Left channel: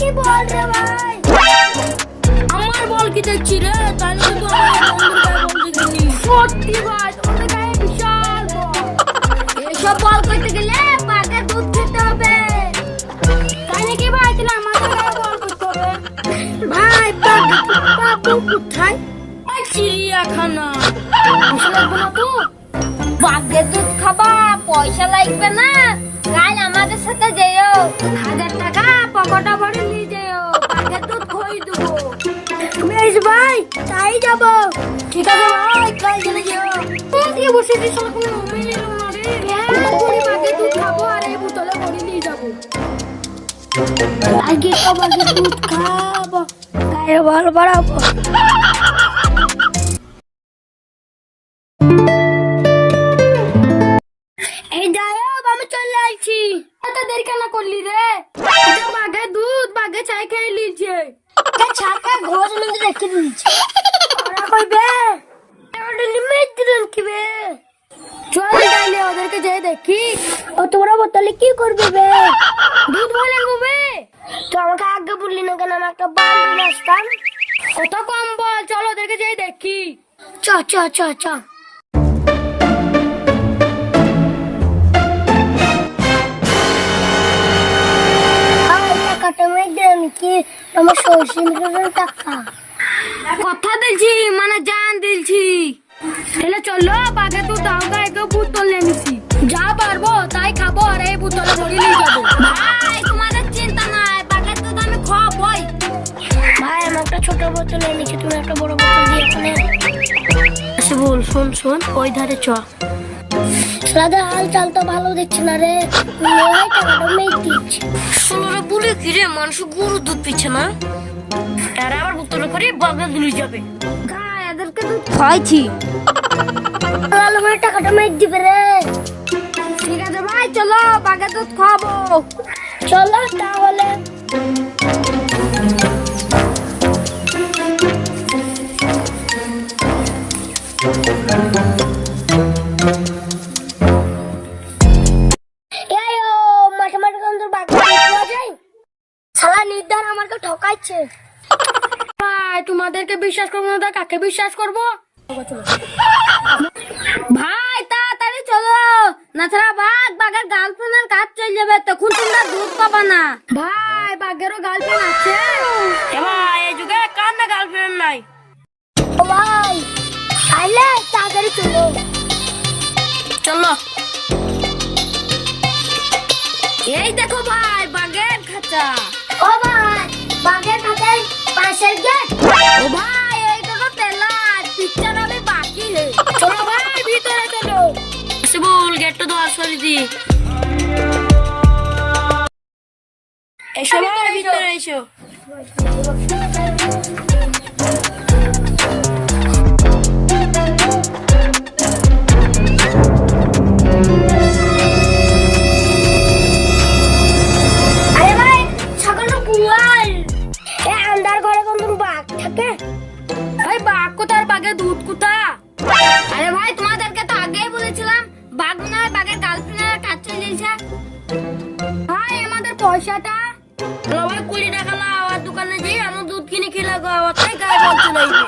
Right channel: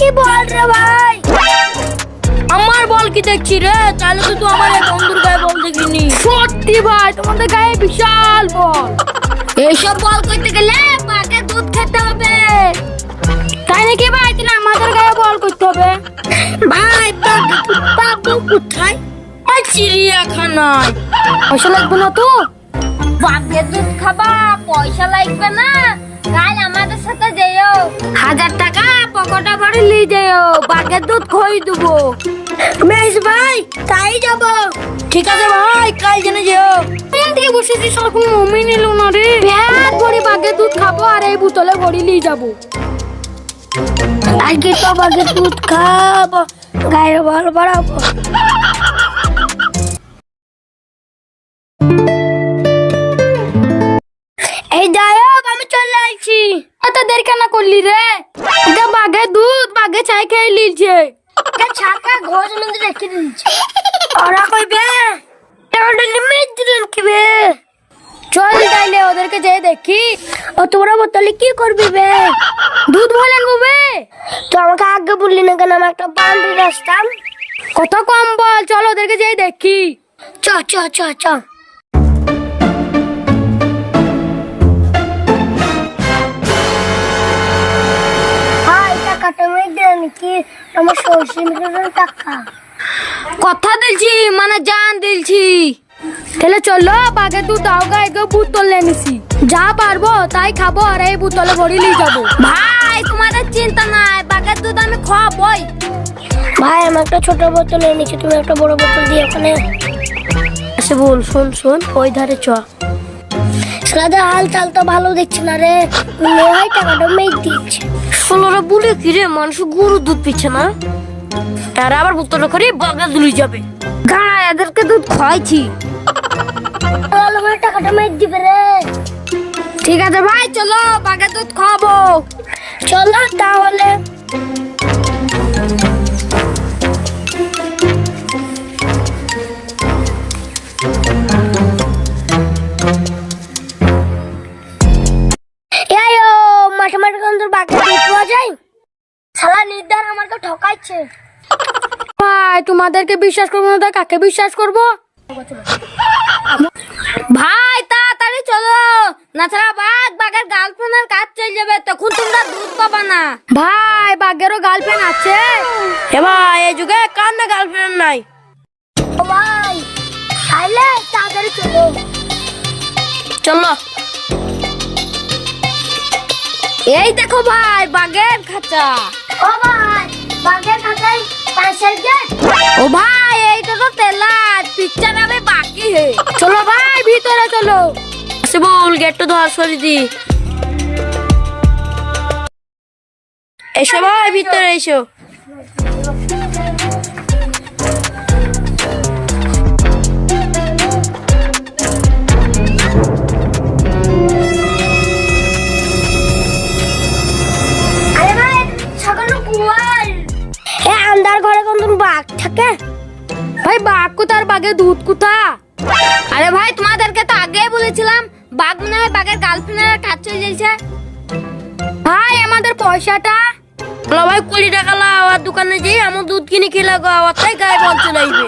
কি বল রে ভাই? আমার বল কি দেখছি রে? তাহলে তো আমার বন্ধুর গায়ে বল দেখিনি। সত্যি ভাই, তোমাদের গায়ে বিশাল বল। এইসব বল করতে গেলে বাঘের দুধ খেতে হবে। তাই নাকি ভাই? তাহলে আমাদের গায়ে বল করতে হবে। ভাই পাবো কোথায়? চিড়িয়াখানা। পয়সা লাগবে না তো? বাঘের দুধ খাবা, পয়সা লাগবে না? কাল আমাদের সাথে যেও, 1000 টাকা পকেটে ভরে নিয়ে যেও, বাঘের দুধ খই দেবো। বেশ ভাই, তাই যাব। ঠিক আছে ভাই, কাল জেনে যেও। থেকে বসেছি, সরকম মমি নিল না রে। ব্যাগ ভরে বাঘের দুধ খাবো আর এই বোতলে ভরে নিয়ে যাবো। আজকে তো বাঘের দুধ খাবো, গায়ে বল বাড়াবো। এই যাও, আমি চলে আসছি। এত দেরি কেন করলি রে? এটা বাঘের দুধ, বাঘে চাই খেয়ে লিলছে। ছাকা ঘোষ মধ্যে রেখে দিয়েছে। ওরা কইবে চল তাইলে ওদেরকে যেয়ে দেখি। ও তোরা বোতলে কি করবি বে? দুধ ভরে নেবে তো? আমাকে আগে বললি না কেন? আমি একটা বালতি আসতাম। কত কম বল, চল ওদেরকে যেয়ে দেখি। চ চ চ চ। কথা দিলছি মানে জান দিলছি। তাহলে চলো, বাঘের দুধ দাও গায়ে বোতল এনেছি। যা পারবো তাই খাবো আর এই বোতলে ভরে নিয়ে যাবো। ভাই তোমাদের চিন্তা নাই, বাঘের দুধ আমি খাবই। ভাই আমি একটা ছোট বোতল এনেছি, তুমি একটা বড় বোতল দিয়ে এখানে এসে বল। শোন শোন, ওই ধারে চ। সাদা হাল চাল তো ভালো দেখছে না রে। টাকাটা মেঘ দিচ্ছে। ষোলোরা বলে কি রে, মানুষ গরু দুধ পিচ্ছে না? তারা আবার বোতলে করে বাঘের দুধ যাবে। গাড়া এদেরকে দুধ খাইছি। টাকাটা মেঘ দিবে রে। ঠিক আছে ভাই, চলো বাঘের দুধ খাবো। চলো তাহলে। তোমাদেরকে বিশ্বাস করবো না, কাকে বিশ্বাস করবো? ভাই তাড়াতাড়ি চলো, না ছাড়া বাঘের গার্লফ্রেন্ডের কাজ চলে যাবে, তখন তোমরা দুধ পাবা না। ভাই বাঘেরও গার্লফ্রেন্ড আছে? ভাই এই যুগে কার না গার্লফ্রেন্ড নাই? ও ভাই তাহলে তাড়াতাড়ি চলো। চলো। এই দেখো ভাই বাঘের খাঁচা। ও ভাই বাঘের খাঁচায় পাশের গেট। ও ভাই এইটা তো তেলার পিকচার হবে বাকি হে। চলো ভাই ভিতরে চলো। এসে বল গেটটা ধর সরি দি। এসো ভাই ভিতরে এসো। ভাই বাঘ কোথার, বাঘের দুধ কোথা? আরে ভাই তোমাদেরকে তো আগেই বলেছিলাম, বাঘ মনে হয় বাঘের গার্লফ্রেন্ডের কাজ চলে যাচ্ছে। ভাই আমাদের পয়সাটা? ভাই 20 টাকা লাও, আর দোকানে যেয়ে আমার দুধ কিনে খেলে গো, আমার তাই গায়ে চলে আসবে।